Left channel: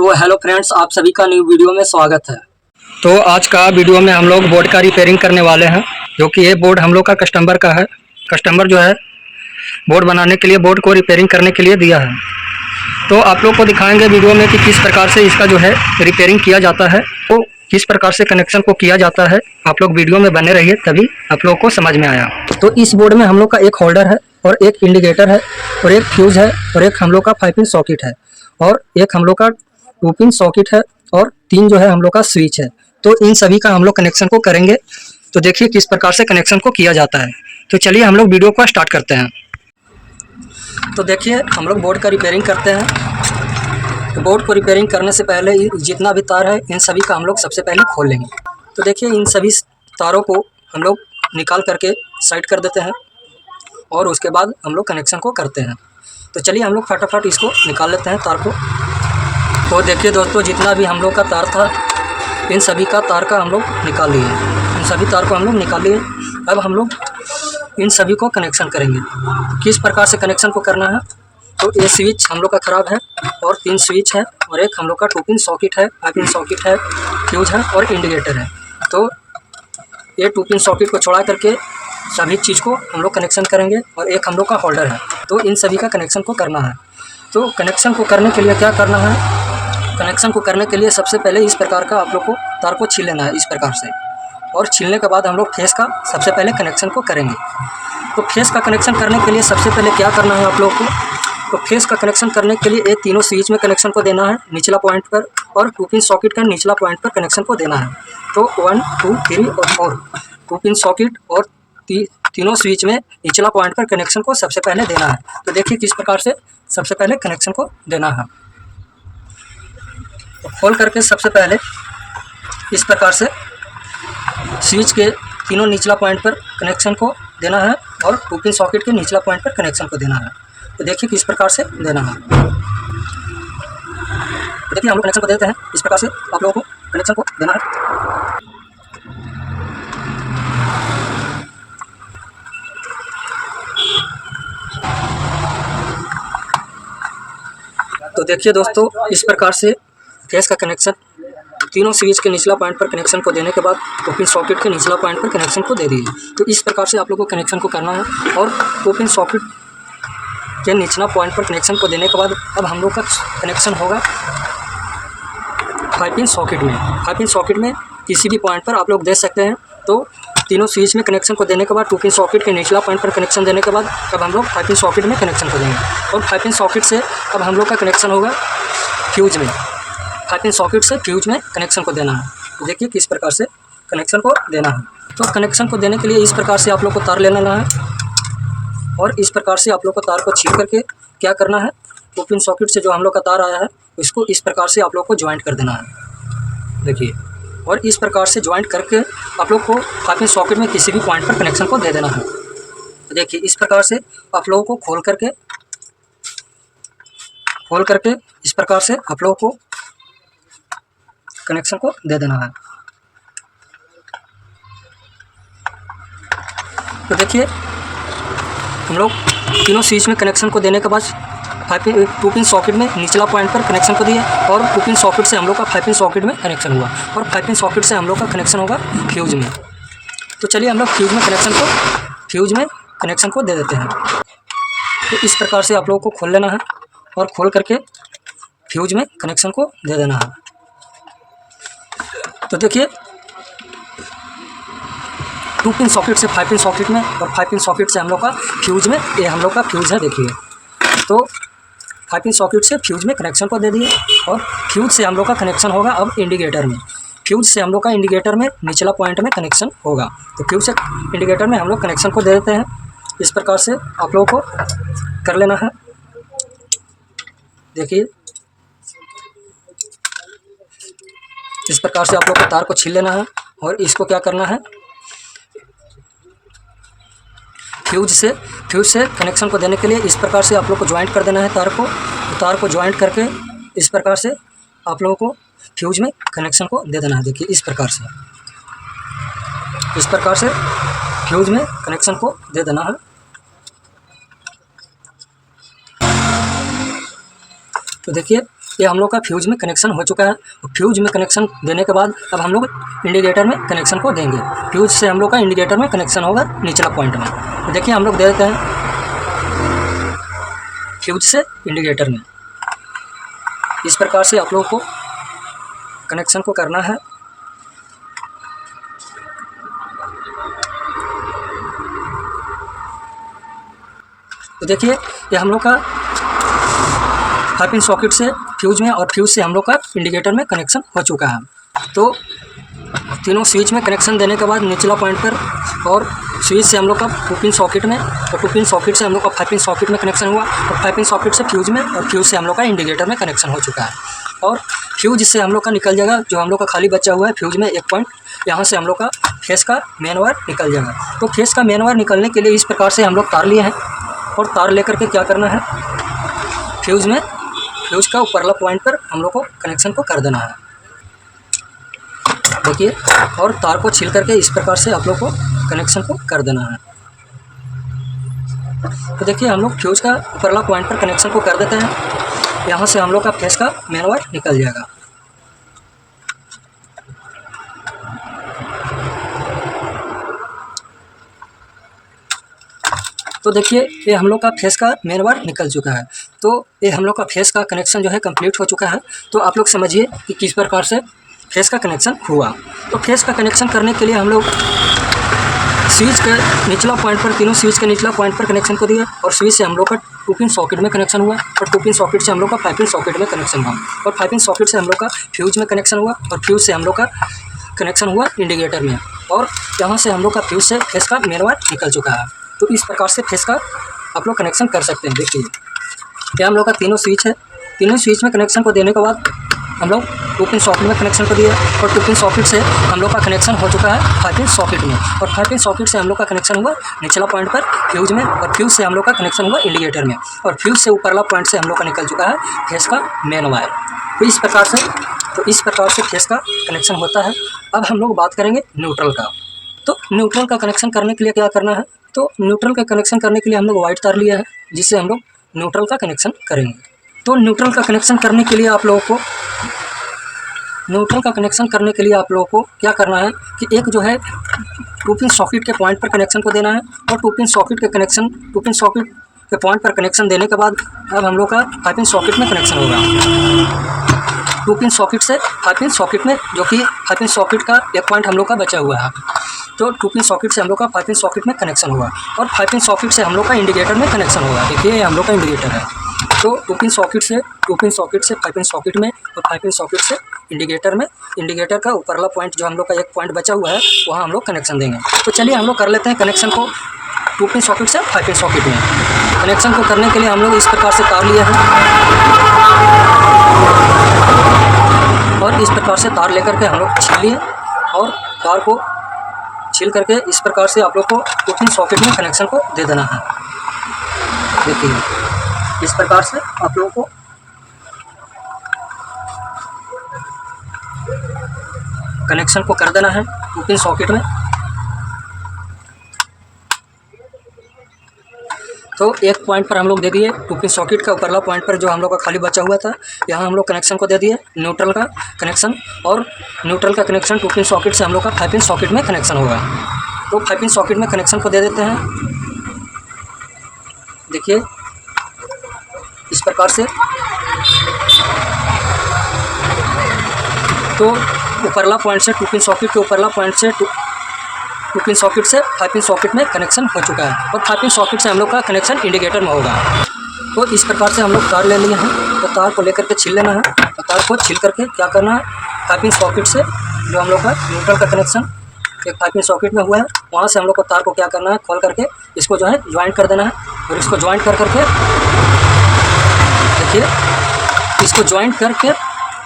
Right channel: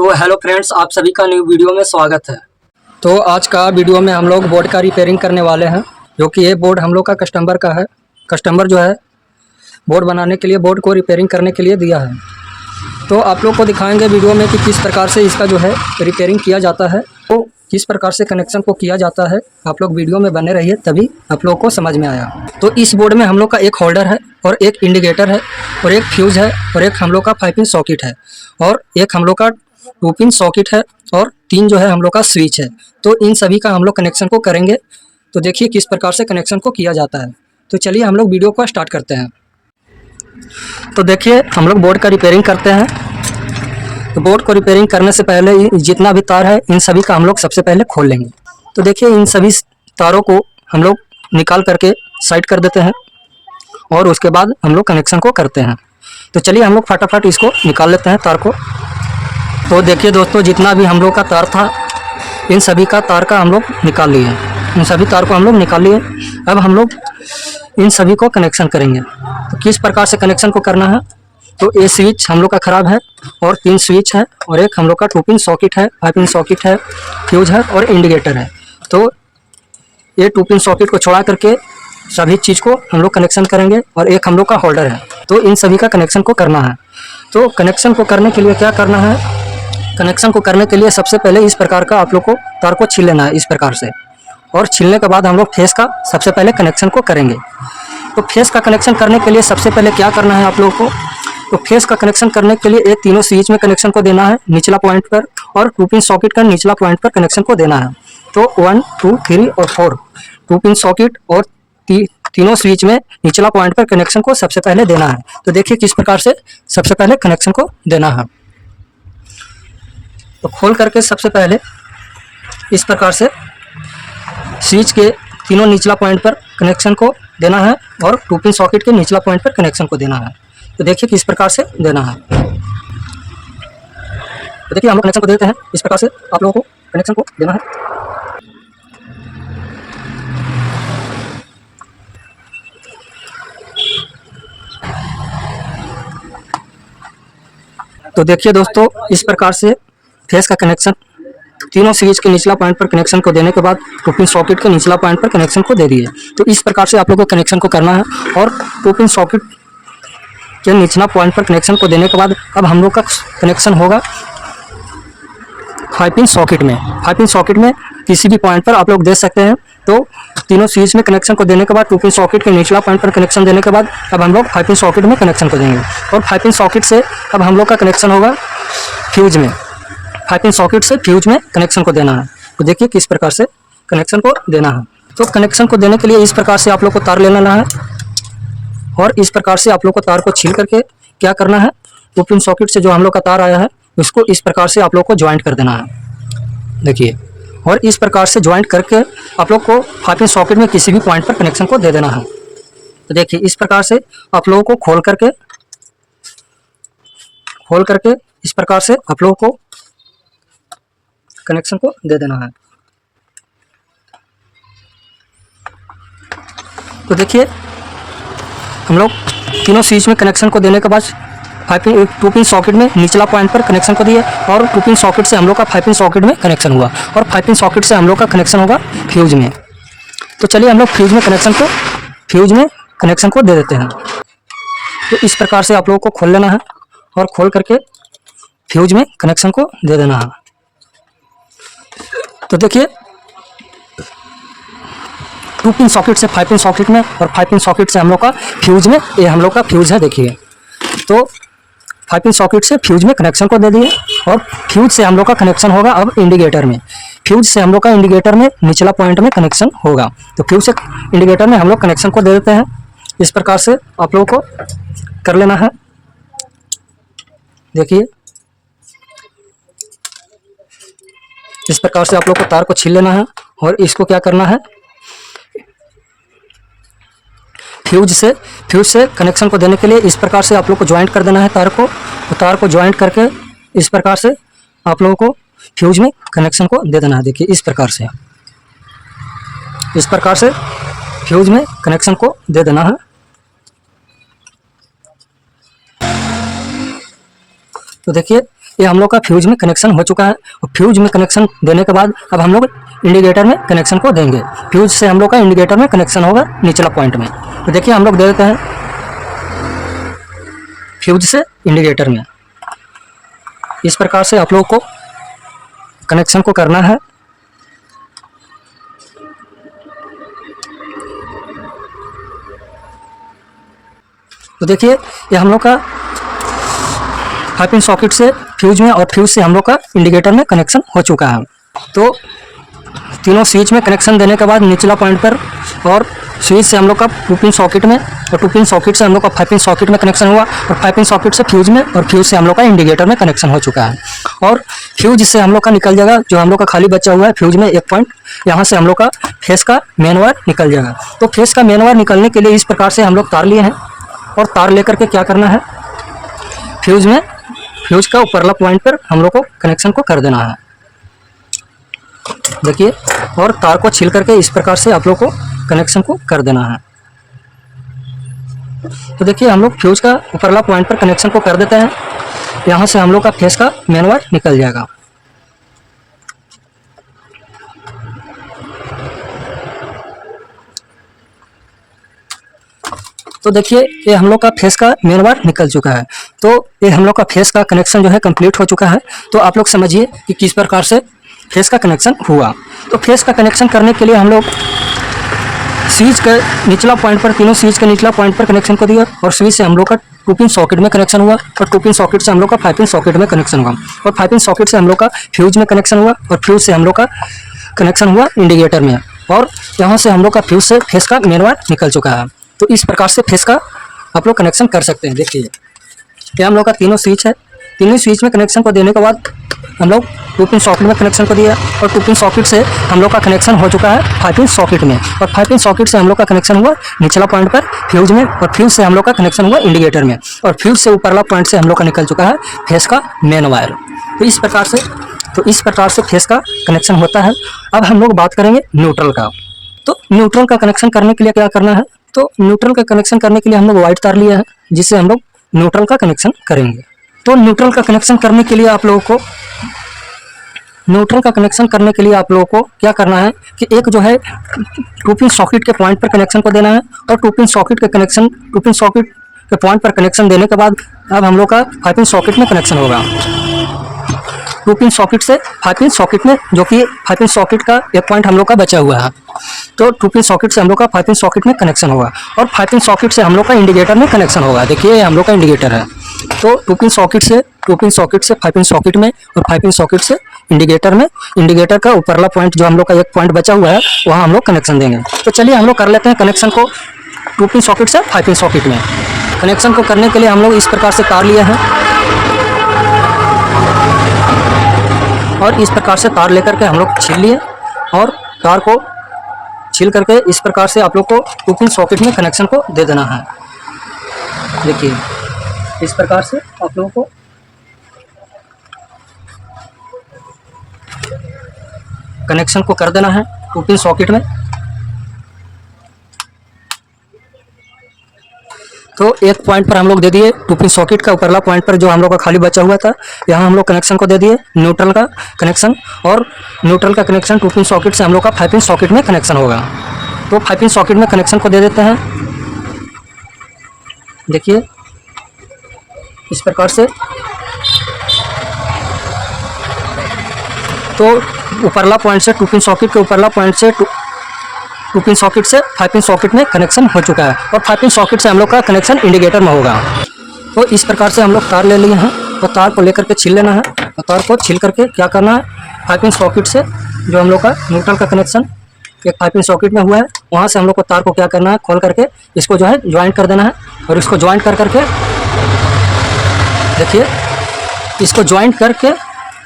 तो hello friends, आप सभी का न्यू वीडियो में स्वागत है। तो आज का वीडियो में हम लोग बोर्ड का रिपेयरिंग करने वाले हैं, जो कि ये बोर्ड हम लोग का कस्टमर का है। कस्टमर जो है बोर्ड बनाने के लिए, बोर्ड को रिपेयरिंग करने के लिए दिया है। तो आप लोग को दिखाएंगे वीडियो में कि किस प्रकार से इसका जो है रिपेयरिंग किया जाता है, तो किस प्रकार से कनेक्शन को किया जाता है। आप लोग वीडियो में बने रहिए, तभी आप लोगों को समझ में आया। तो इस बोर्ड में हम लोग का एक होल्डर है और एक इंडिकेटर है और एक फ्यूज़ है और एक हम लोग का 5 पिन सॉकेट है और एक हम लोग का 2 पिन सॉकेट है और 3 जो है हम लोग का स्विच है। तो इन सभी का हम लोग कनेक्शन को करेंगे। तो देखिए किस प्रकार से कनेक्शन को किया जाता है। तो चलिए हम लोग वीडियो को स्टार्ट करते हैं। तो देखिए हम लोग बोर्ड का रिपेयरिंग करते हैं। तो बोर्ड को रिपेयरिंग करने से पहले जितना भी तार है इन सभी का हम लोग सबसे पहले खोल लेंगे। तो देखिए इन सभी तारों को हम लोग निकाल करके साइड कर देते हैं और उसके बाद हम लोग कनेक्शन को करते हैं। तो चलिए हम लोग फटाफट इसको निकाल लेते हैं तार को। तो देखिए दोस्तों, जितना भी हम लोग का तार था इन सभी का तार का हम लोग निकाल लिए। इन सभी तार को हम लोग निकाल लिए। अब हम लोग इन सभी को कनेक्शन करेंगे। तो किस प्रकार से कनेक्शन को करना है, तो ये स्विच हम लोग का ख़राब है और 3 स्विच है और एक हम लोग का 2 पिन सॉकेट है, 5 पिन सॉकेट है, फ्यूज है और इंडिकेटर है। तो ये 2 पिन सॉकेट को छोड़ा करके सभी चीज़ को हम लोग कनेक्शन करेंगे और एक हम लोग का होल्डर है। तो इन सभी का कनेक्शन को करना है। तो कनेक्शन को करने के लिए क्या करना है, कनेक्शन को करने के लिए सबसे पहले इस प्रकार का आप लोग को तार को छील लेना है इस प्रकार से, और छीलने के बाद हम लोग फेस का सबसे पहले कनेक्शन को करेंगे। तो फेस का कनेक्शन करने के लिए सबसे पहले क्या करना है आप लोगों को, तो फेस का कनेक्शन करने के लिए एक तीनों स्विच में कनेक्शन को देना है निचला पॉइंट पर, और 2 पिन सॉकेट का निचला पॉइंट पर कनेक्शन को देना है। तो 1, 2, 3 और 4 2 पिन सॉकेट और तीनों स्विच में निचला पॉइंट पर कनेक्शन को सबसे पहले देना है। तो देखिए किस प्रकार से सबसे पहले कनेक्शन को देना है। तो खोल करके सबसे पहले इस प्रकार से स्विच के तीनों निचला पॉइंट पर कनेक्शन को देना है और 2 पिन सॉकेट के निचला पॉइंट पर कनेक्शन को देना है। तो देखिए किस प्रकार से देना है। तो देखिए हम लोग कनेक्शन को देते हैं इस प्रकार से, आप लोगों को कनेक्शन को देना है। तो देखिए दोस्तों, इस प्रकार से फेस का कनेक्शन तीनों स्विच के निचला पॉइंट पर कनेक्शन को देने के बाद 2 पिन सॉकेट के निचला पॉइंट पर कनेक्शन को दे दिए। तो इस प्रकार से आप लोगों को कनेक्शन को करना है और 2 पिन सॉकेट के निचला पॉइंट पर कनेक्शन को देने के बाद अब हम लोग का कनेक्शन होगा 5 पिन सॉकेट में। 5 पिन सॉकेट में किसी भी पॉइंट पर आप लोग दे सकते हैं। तो तीनों स्विच में कनेक्शन को देने के बाद 2 पिन सॉकेट के निचला पॉइंट पर कनेक्शन देने के बाद अब हम लोग 5 पिन सॉकेट में कनेक्शन को देंगे और 5 पिन सॉकेट से अब हम लोग का कनेक्शन होगा फ्यूज में। 5 पिन सॉकेट से फ्यूज में कनेक्शन को देना है। तो देखिए किस प्रकार से कनेक्शन को देना है। तो कनेक्शन को देने के लिए इस प्रकार से आप लोग को तार ले लेना है और इस प्रकार से आप लोग को तार को छील करके क्या करना है, 2 पिन सॉकेट से जो हम लोग का तार आया है उसको इस प्रकार से आप लोग को ज्वाइंट कर देना है। देखिए, और इस प्रकार से ज्वाइंट करके आप लोग को 5 पिन सॉकेट में किसी भी पॉइंट पर कनेक्शन को दे देना है। तो देखिए इस प्रकार से आप लोगों को खोल करके इस प्रकार से आप लोगों को कनेक्शन को दे देना है। तो देखिए हम लोग तीनों स्विच में कनेक्शन को देने के बाद 2 पिन सॉकेट में निचला पॉइंट पर कनेक्शन को दिया और 2 पिन सॉकेट से हम लोग का 5 पिन सॉकेट में कनेक्शन हुआ और 5 पिन सॉकेट से हम लोग का कनेक्शन होगा फ्यूज में। तो चलिए हम लोग फ्यूज में कनेक्शन को दे देते हैं। तो इस प्रकार से आप लोगों को खोल लेना है और खोल करके फ्यूज में कनेक्शन को दे देना है। तो देखिए 2 पिन सॉकेट से 5 पिन सॉकेट में और 5 पिन सॉकेट से हम लोग का फ्यूज में, ये हम लोग का फ्यूज है। देखिए तो 5 पिन सॉकेट से फ्यूज में कनेक्शन को दे दिए और फ्यूज से हम लोग का कनेक्शन होगा अब इंडिकेटर में। फ्यूज से हम लोग का इंडिकेटर में निचला पॉइंट में कनेक्शन होगा। तो फ्यूज से इंडिकेटर में हम लोग कनेक्शन को दे देते हैं। इस प्रकार से आप लोगों को कर लेना है। देखिए इस प्रकार से आप लोग को तार को छील लेना है और इसको क्या करना है, फ्यूज से कनेक्शन को देने के लिए इस प्रकार से आप लोग को ज्वाइंट कर देना है तार को। तो तार को ज्वाइंट करके इस प्रकार से आप लोगों को फ्यूज में कनेक्शन को दे देना है। देखिए इस प्रकार से फ्यूज में कनेक्शन को दे देना है। तो देखिए ये हम लोग का फ्यूज में कनेक्शन हो चुका है। और फ्यूज में कनेक्शन देने के बाद अब हम लोग इंडिकेटर में कनेक्शन को देंगे। फ्यूज से हम लोग का इंडिकेटर में कनेक्शन होगा निचला पॉइंट में। तो देखिए हम लोग दे देते हैं फ्यूज से इंडिकेटर में। इस प्रकार से आप लोग को कनेक्शन को करना है। तो देखिए ये हम लोग का 5 पिन सॉकेट से फ्यूज में और फ्यूज से हम लोग का इंडिकेटर में कनेक्शन हो चुका है। तो तीनों स्विच में कनेक्शन देने के बाद निचला पॉइंट पर और स्विच से हम लोग का 2 पिन सॉकेट में और 2 पिन सॉकेट से हम लोग का 5 पिन सॉकेट में कनेक्शन हुआ और 5 पिन सॉकेट से फ्यूज में और फ्यूज से हम लोग का इंडिकेटर में कनेक्शन हो चुका है। और फ्यूज से हम लोग का निकल जाएगा, जो हम लोग का खाली बचा हुआ है फ्यूज में एक पॉइंट, यहाँ से हम लोग का फेस का मेन वायर निकल जाएगा। तो फेस का मेन वायर निकलने के लिए इस प्रकार से हम लोग तार लिए हैं और तार लेकर के क्या करना है, फ्यूज में फ्यूज का ऊपरला पॉइंट पर हम लोग को कनेक्शन को कर देना है। देखिए, और तार को छील करके इस प्रकार से आप लोग को कनेक्शन को कर देना है। तो देखिए हम लोग फ्यूज का ऊपरला पॉइंट पर कनेक्शन को कर देते हैं। यहाँ से हम लोग का फेस का मेन वायर निकल जाएगा। तो देखिए ये हम लोग का फेस का मेन वायर निकल चुका है। तो ये हम लोग का फेस का कनेक्शन जो है कंप्लीट हो चुका है। तो आप लोग समझिए कि किस प्रकार से फेस का कनेक्शन हुआ। तो फेस का कनेक्शन करने के लिए हम लोग स्विच का निचला पॉइंट पर, तीनों स्विच के निचला पॉइंट पर कनेक्शन को दिया और स्विच से हम लोग का 2 पिन सॉकेट में कनेक्शन हुआ और 2 पिन सॉकेट से हम लोग का 5 पिन सॉकेट में कनेक्शन हुआ और 5 पिन सॉकेट से हम लोग का फ्यूज में कनेक्शन हुआ और फ्यूज से हम लोग का कनेक्शन हुआ इंडिकेटर में। और यहाँ से हम लोग का फ्यूज से फेस का मेन वायर निकल चुका है। तो इस प्रकार से फेस का आप लोग कनेक्शन कर सकते हैं। देखिए क्या हम लोग का तीनों स्विच है, तीनों स्विच में कनेक्शन को देने के बाद हम लोग 2 पिन सॉकेट में कनेक्शन को दिया और 2 पिन सॉकेट से हम लोग का कनेक्शन हो चुका है 5 पिन सॉकेट में और 5 पिन सॉकेट से हम लोग का कनेक्शन हुआ निचला पॉइंट पर फ्यूज में और फ्यूज से हम लोग का कनेक्शन हुआ इंडिकेटर में और फ्यूज से ऊपरला पॉइंट से हम लोग का निकल चुका है फेस का मेन वायर। तो इस प्रकार से फेस का कनेक्शन होता है। अब हम लोग बात करेंगे न्यूट्रल का। तो न्यूट्रल का कनेक्शन करने के लिए क्या करना है, तो न्यूट्रल का कनेक्शन करने के लिए हम लोग वाइट तार लिया है जिससे हम लोग न्यूट्रल का कनेक्शन करेंगे। तो न्यूट्रल का कनेक्शन करने के लिए आप लोगों को क्या करना है कि एक जो है 2 पिन सॉकेट के पॉइंट पर कनेक्शन को देना है और 2 पिन सॉकेट के पॉइंट पर कनेक्शन देने के बाद अब हम लोग का 5 पिन सॉकेट में कनेक्शन होगा। 2 पिन सॉकेट से 5 पिन सॉकेट में, जो कि 5 पिन सॉकेट का एक पॉइंट हम लोग का बचा हुआ है। तो 2 पिन सॉकेट से हम लोग का 5 पिन सॉकेट में कनेक्शन होगा और 5 पिन सॉकेट से हम लोग का इंडिकेटर में कनेक्शन होगा। देखिए हम लोग का इंडिकेटर है। तो 2 पिन सॉकेट से 5 पिन सॉकेट में और 5 पिन सॉकेट से इंडिकेटर में, इंडिकेटर का ऊपरला पॉइंट जो हम लोग का एक पॉइंट बचा हुआ है वहाँ हम लोग कनेक्शन देंगे। तो चलिए हम लोग कर लेते हैं कनेक्शन को 2 पिन सॉकेट से 5 पिन सॉकेट में। कनेक्शन को करने के लिए हम लोग इस प्रकार से तार लिए हैं और इस प्रकार से तार लेकर के हम लोग छील लिए और तार को छील करके इस प्रकार से आप लोग को 2 पिन सॉकेट में कनेक्शन को दे देना है। देखिए इस प्रकार से आप लोगों को कनेक्शन को कर देना है 2 पिन सॉकेट में। तो एक पॉइंट पर हम लोग दे दिए 2 पिन सॉकेट का ऊपरला पॉइंट पर जो हम लोग का खाली बचा हुआ था, यहाँ हम लोग कनेक्शन को दे दिए न्यूट्रल का कनेक्शन और न्यूट्रल का कनेक्शन 2 पिन सॉकेट से हम लोग का 5 पिन सॉकेट में कनेक्शन होगा। तो 5 पिन सॉकेट में कनेक्शन को दे देते हैं। देखिए इस प्रकार से। तो ऊपरला पॉइंट से 2 पिन सॉकेट के ऊपरला पॉइंट से 2 पिन सॉकेट से 5 पिन सॉकेट में कनेक्शन हो चुका है और 5 पिन सॉकेट से हम लोग का कनेक्शन इंडिकेटर में होगा। तो इस प्रकार से हम लोग तार ले लिए हैं और तार को लेकर के छील लेना है और तार को छील करके क्या करना है, 5 पिन सॉकेट से जो हम लोग का न्यूट्रल का कनेक्शन एक 5 पिन सॉकेट में हुआ है वहाँ से हम लोग को तार को क्या करना है, खोल करके इसको जो है ज्वाइंट कर देना है और इसको ज्वाइंट कर करके देखिए इसको ज्वाइंट करके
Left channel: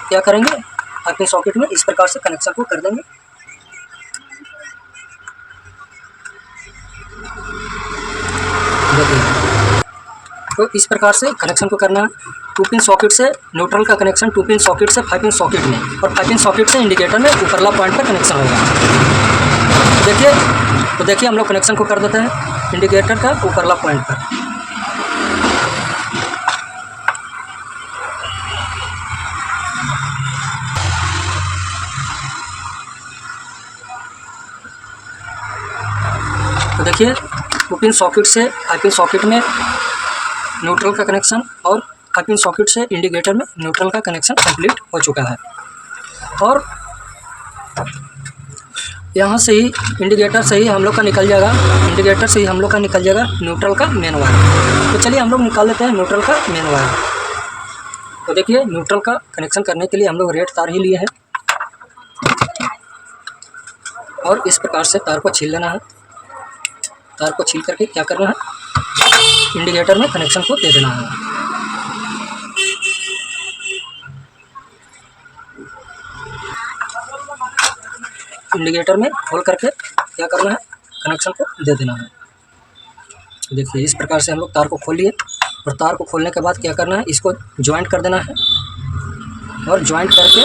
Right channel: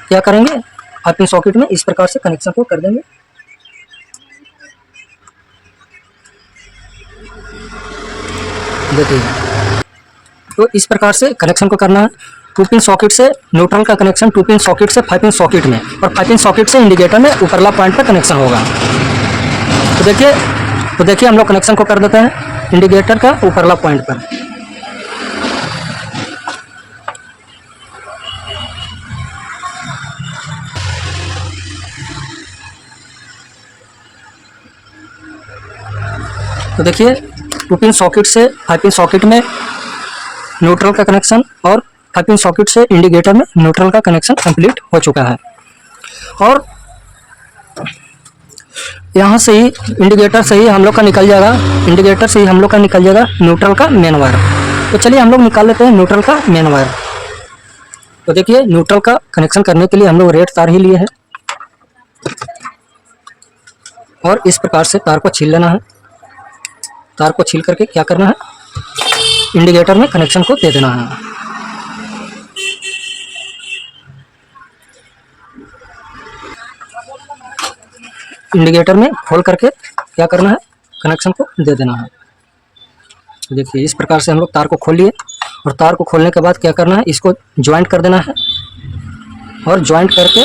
क्या करेंगे, 5 पिन सॉकेट में इस प्रकार से कनेक्शन को कर देंगे। देखिए तो इस प्रकार से कनेक्शन को करना है। 2 पिन सॉकेट से न्यूट्रल का कनेक्शन 2 पिन सॉकेट से 5 पिन सॉकेट में और 5 पिन सॉकेट से इंडिकेटर में ऊपरला पॉइंट पर कनेक्शन होगा। तो देखिए हम लोग कनेक्शन को कर देते हैं इंडिकेटर का ऊपरला पॉइंट पर। तो देखिए 2 पिन सॉकेट से 5 पिन सॉकेट में न्यूट्रल का कनेक्शन और 5 पिन सॉकेट से इंडिकेटर में न्यूट्रल का कनेक्शन कंप्लीट हो चुका है। और यहाँ से ही इंडिकेटर से ही हम लोग का निकल जाएगा, इंडिकेटर से ही हम लोग का निकल जाएगा न्यूट्रल का मेन वायर। तो चलिए हम लोग निकाल लेते हैं न्यूट्रल का मेन वायर। तो देखिए न्यूट्रल का कनेक्शन करने के लिए हम लोग रेड तार ही लिए हैं और इस प्रकार से तार को छील लेना है। तार को छील करके क्या करना है, इंडिकेटर में कनेक्शन को दे देना है। इंडिकेटर में खोल करके क्या करना है, कनेक्शन को दे देना है। देखिए इस प्रकार से हम लोग तार को खोल लिए और तार को खोलने के बाद क्या करना है, इसको ज्वाइंट कर देना है और ज्वाइंट करके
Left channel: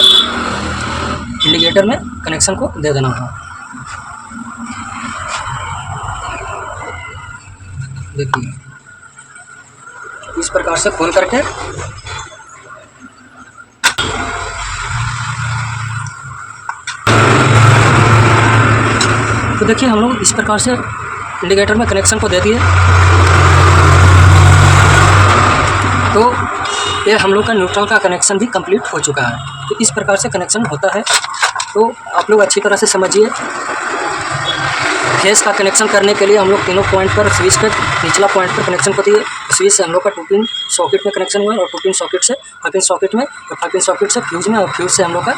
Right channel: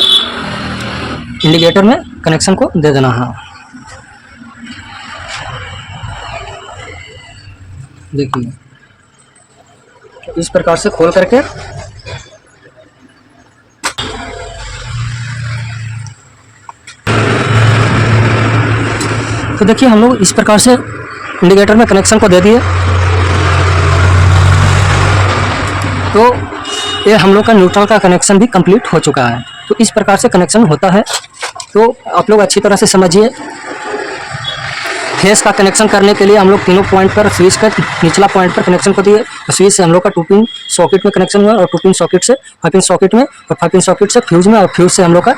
इंडिकेटर में कनेक्शन को दे देना है। देखिए इस प्रकार से खोल करके तो देखिए हम लोग इस प्रकार से इंडिकेटर में कनेक्शन को दे दिए। तो ये हम लोग का न्यूट्रल का कनेक्शन भी कंप्लीट हो चुका है। तो इस प्रकार से कनेक्शन होता है। तो आप लोग अच्छी तरह से समझिए। फेस का कनेक्शन करने के लिए हम लोग तीनों पॉइंट पर स्विच का निचला पॉइंट पर कनेक्शन को दिए। स्विच से हम लोग का 2 पिन सॉकेट में कनेक्शन हुआ और 2 पिन सॉकेट से 5 पिन सॉकेट में और 5 पिन सॉकेट से फ्यूज में और फ्यूज से हम लोग का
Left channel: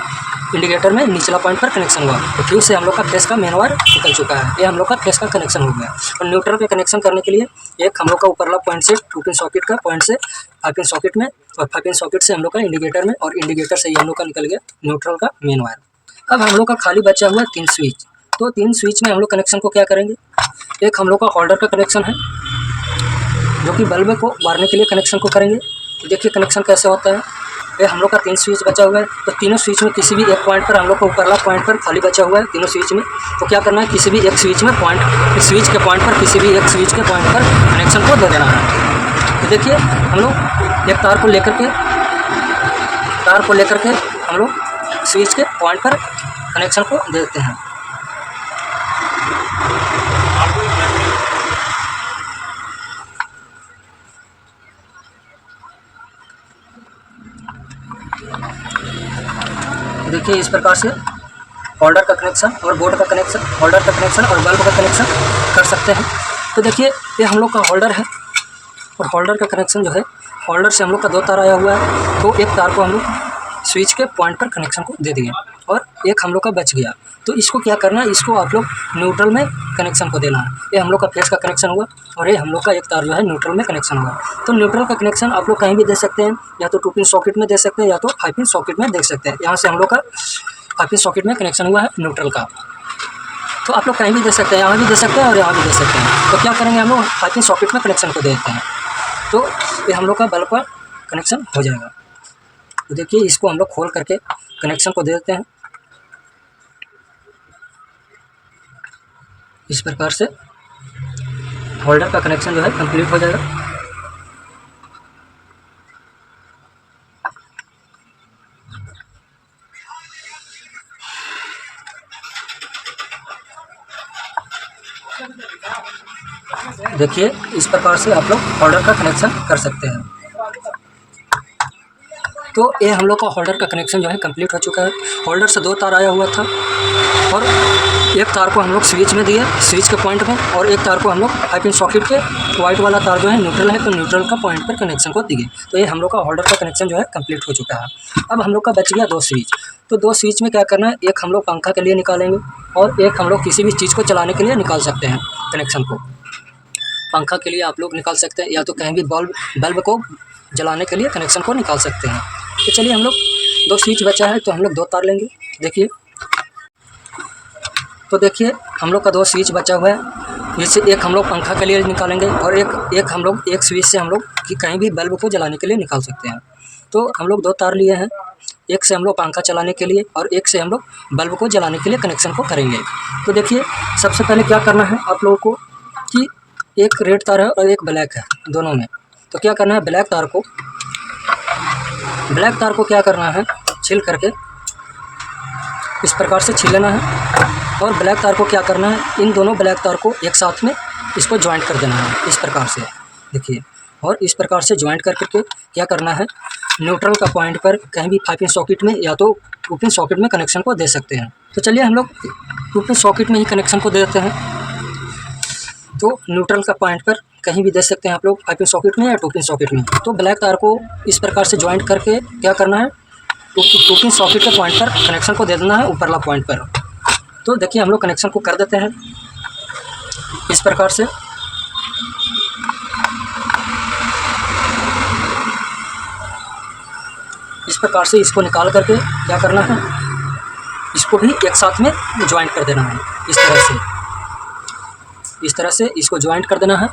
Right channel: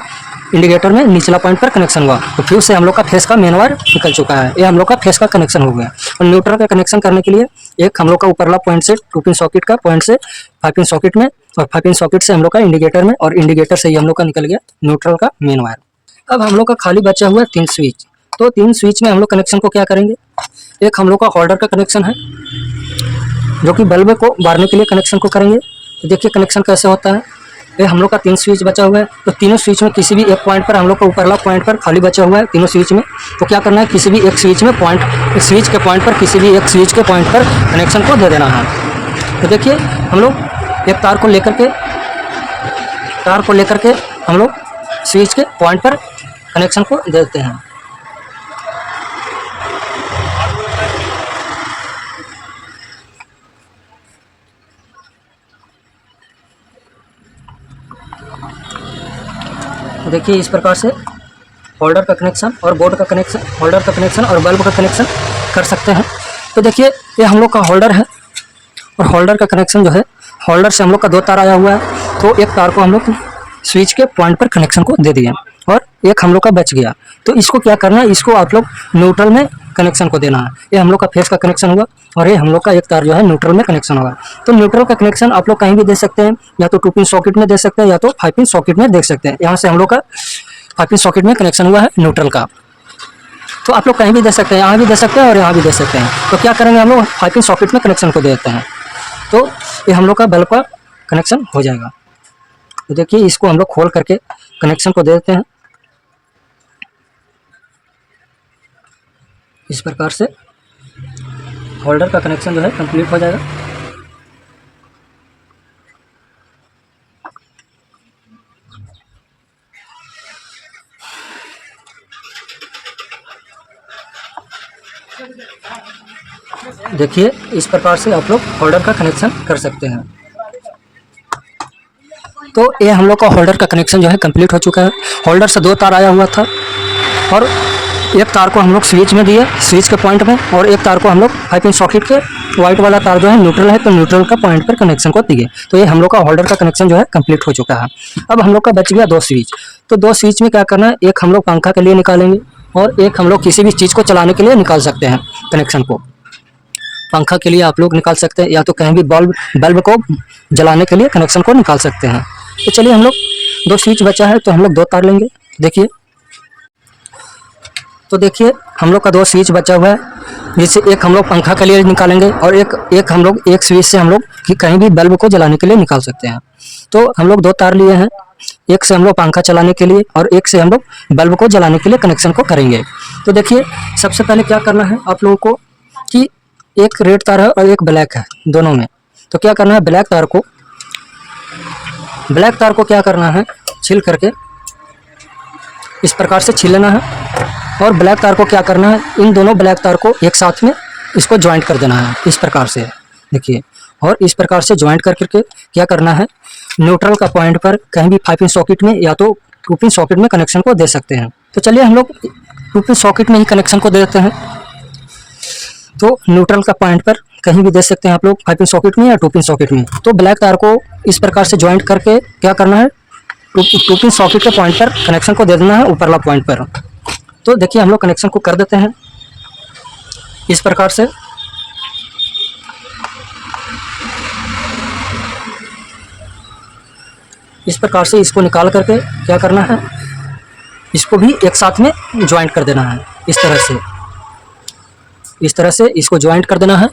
इंडिकेटर में निचला पॉइंट पर कनेक्शन हुआ। तो फ्यूज से हम लोग का फेस का मेन वायर निकल चुका है। ये हम लोग का फेस का कनेक्शन हो गया। और न्यूट्रल का कनेक्शन करने के लिए एक हम लोग का ऊपरला पॉइंट से 2 पिन सॉकेट का पॉइंट से 5 पिन सॉकेट में और 5 पिन सॉकेट से हम लोग का इंडिकेटर में और इंडिकेटर से ही हम लोग का निकल गया न्यूट्रल का मेन वायर। अब हम लोग का खाली बचा हुआ 3 स्विच। तो 3 स्विच में हम लोग कनेक्शन को क्या करेंगे, एक हम लोग का होल्डर का कनेक्शन है जो कि बल्ब को बारने के लिए कनेक्शन को करेंगे। तो देखिए कनेक्शन कैसे होता है। ये हम लोग का 3 स्विच बचा हुआ है। तो तीनों स्विच में किसी भी एक पॉइंट पर हम लोग को ऊपरला पॉइंट पर खाली बचा हुआ है तीनों स्विच में। तो क्या करना है, किसी भी एक स्विच में पॉइंट स्विच के पॉइंट पर किसी भी एक स्विच के पॉइंट पर कनेक्शन को दे देना है। तो देखिए हम लोग एक तार को लेकर के हम लोग स्विच के पॉइंट पर कनेक्शन को देते हैं। देखिए इस प्रकार से होल्डर का कनेक्शन और बोर्ड का कनेक्शन, होल्डर का कनेक्शन और बल्ब का कनेक्शन कर सकते हैं। तो देखिए ये हम लोग का होल्डर है और होल्डर का कनेक्शन जो है, होल्डर से हम लोग का 2 तार आया हुआ है। तो एक तार को हम लोग स्विच के पॉइंट पर कनेक्शन को दे दिए और एक हम लोग का बच गया। तो इसको क्या करना है, इसको आप लोग न्यूट्रल में कनेक्शन को देना है। ये हम लोग का फेस का कनेक्शन हुआ और ये हम लोग का एक तार जो है न्यूट्रल में कनेक्शन होगा। तो न्यूट्रल का कनेक्शन आप लोग कहीं भी दे सकते हैं, या तो 2 पिन सॉकेट में दे सकते हैं या तो 5 पिन सॉकेट में दे सकते हैं। यहाँ से हम लोग का 5 पिन सॉकेट में कनेक्शन हुआ है न्यूट्रल का। तो आप लोग कहीं भी दे सकते हैं, यहाँ भी दे सकते हैं और यहाँ भी दे सकते हैं। तो क्या करेंगे, हम लोग 5 पिन सॉकेट में कनेक्शन को देते हैं। तो ये हम लोग का बल्ब का कनेक्शन हो जाएगा। तो देखिए इसको हम लोग खोल करके कनेक्शन को दे देते हैं। इस प्रकार से होल्डर का कनेक्शन जो है कंप्लीट हो जाएगा। देखिए इस प्रकार से आप लोग होल्डर का कनेक्शन कर सकते हैं। तो ये हम लोग का होल्डर का कनेक्शन जो है कंप्लीट हो चुका है। होल्डर से 2 तार आया हुआ था और एक तार को हम लोग स्विच में दिए, स्विच के पॉइंट में, और एक तार को हम लोग 5 पिन सॉकेट के वाइट वाला तार जो है न्यूट्रल है, तो न्यूट्रल का पॉइंट पर कनेक्शन को दिए। तो ये हम लोग का होल्डर का कनेक्शन जो है कंप्लीट हो चुका है। अब हम लोग का बच गया 2 स्विच। तो 2 स्विच में क्या करना है, एक हम लोग पंखा के लिए निकालेंगे और एक हम लोग किसी भी चीज़ को चलाने के लिए निकाल सकते हैं कनेक्शन को। पंखा के लिए आप लोग निकाल सकते हैं, या तो कहीं भी बल्ब को जलाने के लिए कनेक्शन को निकाल सकते हैं। तो चलिए हम लोग 2 स्विच बचा है तो हम लोग 2 तार लेंगे। देखिए तो देखिए हम लोग का 2 स्विच बचा हुआ है, जिससे एक हम लोग पंखा के लिए निकालेंगे और एक हम लोग एक स्विच से हम लोग कहीं भी बल्ब को जलाने के लिए निकाल सकते हैं। तो हम लोग 2 तार लिए हैं, एक से हम लोग पंखा चलाने के लिए और एक से हम लोग बल्ब को जलाने के लिए कनेक्शन को करेंगे। तो देखिए सबसे पहले क्या करना है आप लोगों को कि एक रेड तार है और एक ब्लैक है दोनों में। तो क्या करना है, ब्लैक तार को क्या करना है, छील करके इस प्रकार से छील लेना है। और ब्लैक तार को क्या करना है, इन दोनों ब्लैक तार को एक साथ में इसको ज्वाइंट कर देना है इस प्रकार से, देखिए। और इस प्रकार से ज्वाइंट कर करके क्या करना है, न्यूट्रल का पॉइंट पर कहीं भी 5 पिन सॉकेट में या तो 2 पिन सॉकेट में कनेक्शन को दे सकते हैं। तो चलिए हम लोग 2 पिन सॉकेट में ही कनेक्शन को दे देते हैं। तो न्यूट्रल का पॉइंट पर कहीं भी दे सकते हैं आप लोग, 5 पिन सॉकेट में या 2 पिन सॉकेट में। तो ब्लैक तार को इस प्रकार से ज्वाइंट करके क्या करना है, 2 पिन सॉकेट के पॉइंट पर कनेक्शन को दे देना है, ऊपरला पॉइंट पर। तो देखिए हम लोग कनेक्शन को कर देते हैं इस प्रकार से। इस प्रकार से इसको निकाल करके क्या करना है, इसको भी एक साथ में ज्वाइंट कर देना है इस तरह से। इस तरह से इसको ज्वाइंट कर देना है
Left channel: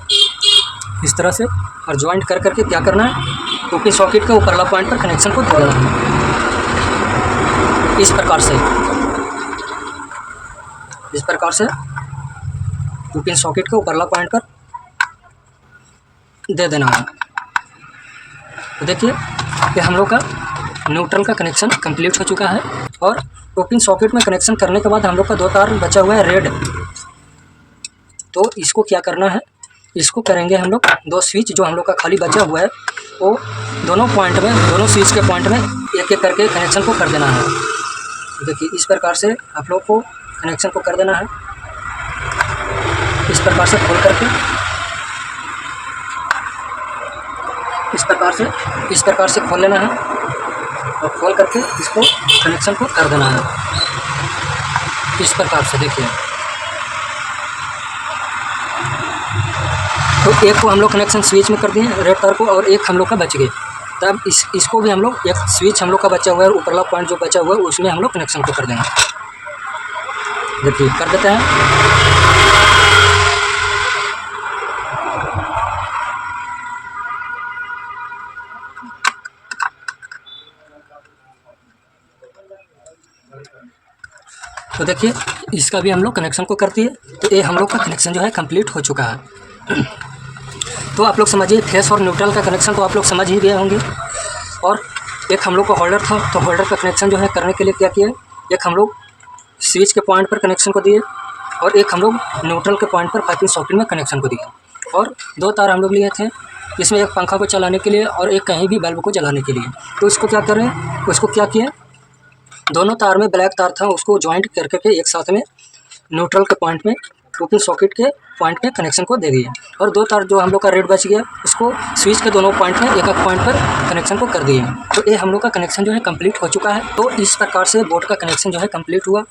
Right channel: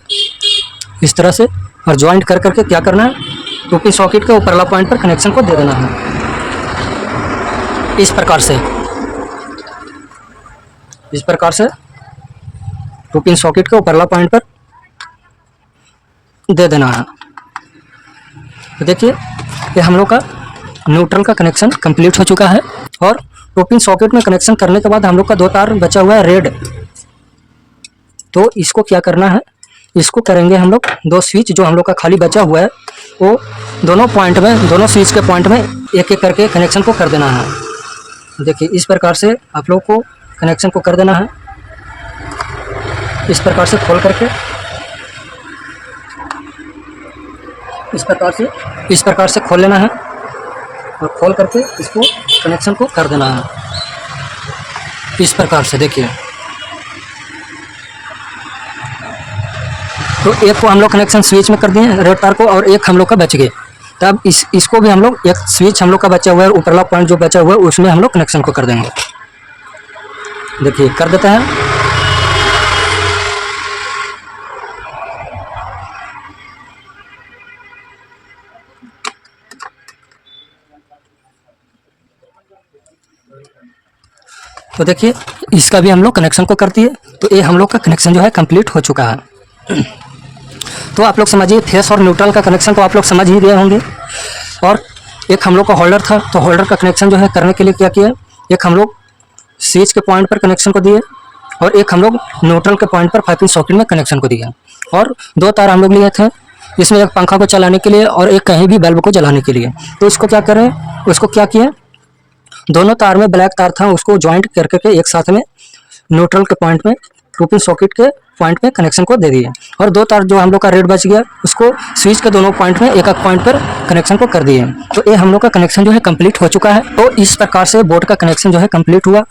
इस तरह से, और ज्वाइंट कर करके क्या करना है, 2 पिन सॉकेट के ऊपरला पॉइंट पर कनेक्शन को दे देना है इस प्रकार से। इस प्रकार से 2 पिन सॉकेट के ऊपरला पॉइंट पर दे देना है। तो देखिए ये हम लोग का न्यूट्रल का कनेक्शन कंप्लीट हो चुका है। और 2 पिन सॉकेट में कनेक्शन करने के बाद हम लोग का 2 तार बचा हुआ है रेड। तो इसको क्या करना है, इसको करेंगे हम लोग 2 स्विच जो हम लोग का खाली बचा हुआ है, वो दोनों पॉइंट में, दोनों स्विच के पॉइंट में एक एक करके कनेक्शन को कर देना है। देखिए इस प्रकार से आप लोग को कनेक्शन को कर देना है इस प्रकार से खोल करके, इस प्रकार से खोल लेना है और खोल करके इसको कनेक्शन को कर देना है इस प्रकार से। देखिए तो एक को हम लोग कनेक्शन स्विच में कर दिए रेड तार को, और एक हम लोग का बच गए। तब इसको भी हम लोग, एक स्विच हम लोग का बचा हुआ है, ऊपरला पॉइंट जो बचा हुआ है उसमें हम लोग कनेक्शन को कर देंगे। देखिए कर देते हैं। तो देखिए इसका भी हम लोग कनेक्शन को कर दिए। तो ये हम लोग का कनेक्शन जो है कंप्लीट हो चुका है। तो आप लोग समझिए, फेस और न्यूट्रल का कनेक्शन को आप लोग समझ ही गए होंगे। और एक हम लोग का होल्डर था, तो होल्डर का कनेक्शन जो है करने के लिए क्या किया, एक हम लोग स्विच के पॉइंट पर कनेक्शन को दिए और एक हम लोग न्यूट्रल के पॉइंट पर 5 पिन सॉकेट में कनेक्शन को दिया। और 2 तार हम लोग लिए थे, इसमें एक पंखा को चलाने के लिए और एक कहीं भी बल्ब को जलाने के लिए। तो इसको क्या करें, उसको क्या किया, दोनों तार में ब्लैक तार था उसको ज्वाइंट कर करके एक साथ में न्यूट्रल के पॉइंट में 2 पिन सॉकेट के पॉइंट में कनेक्शन को दे दिए। और 2 तार जो हम लोग का रेड बच गया उसको स्विच के दोनों पॉइंट में एक एक पॉइंट पर कनेक्शन को कर दिए। तो ये हम लोग का कनेक्शन जो है कंप्लीट हो चुका है। तो इस प्रकार से बोर्ड का कनेक्शन जो है कंप्लीट हुआ।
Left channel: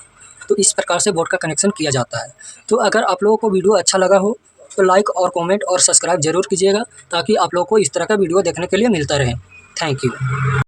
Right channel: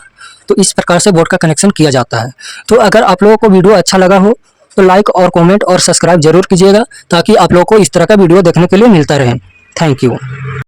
तो इस प्रकार से बोर्ड का कनेक्शन किया जाता है। तो अगर आप लोगों को वीडियो अच्छा लगा हो तो लाइक और कमेंट और सब्सक्राइब जरूर कीजिएगा, ताकि आप लोगों को इस तरह का वीडियो देखने के लिए मिलता रहे। Thank you.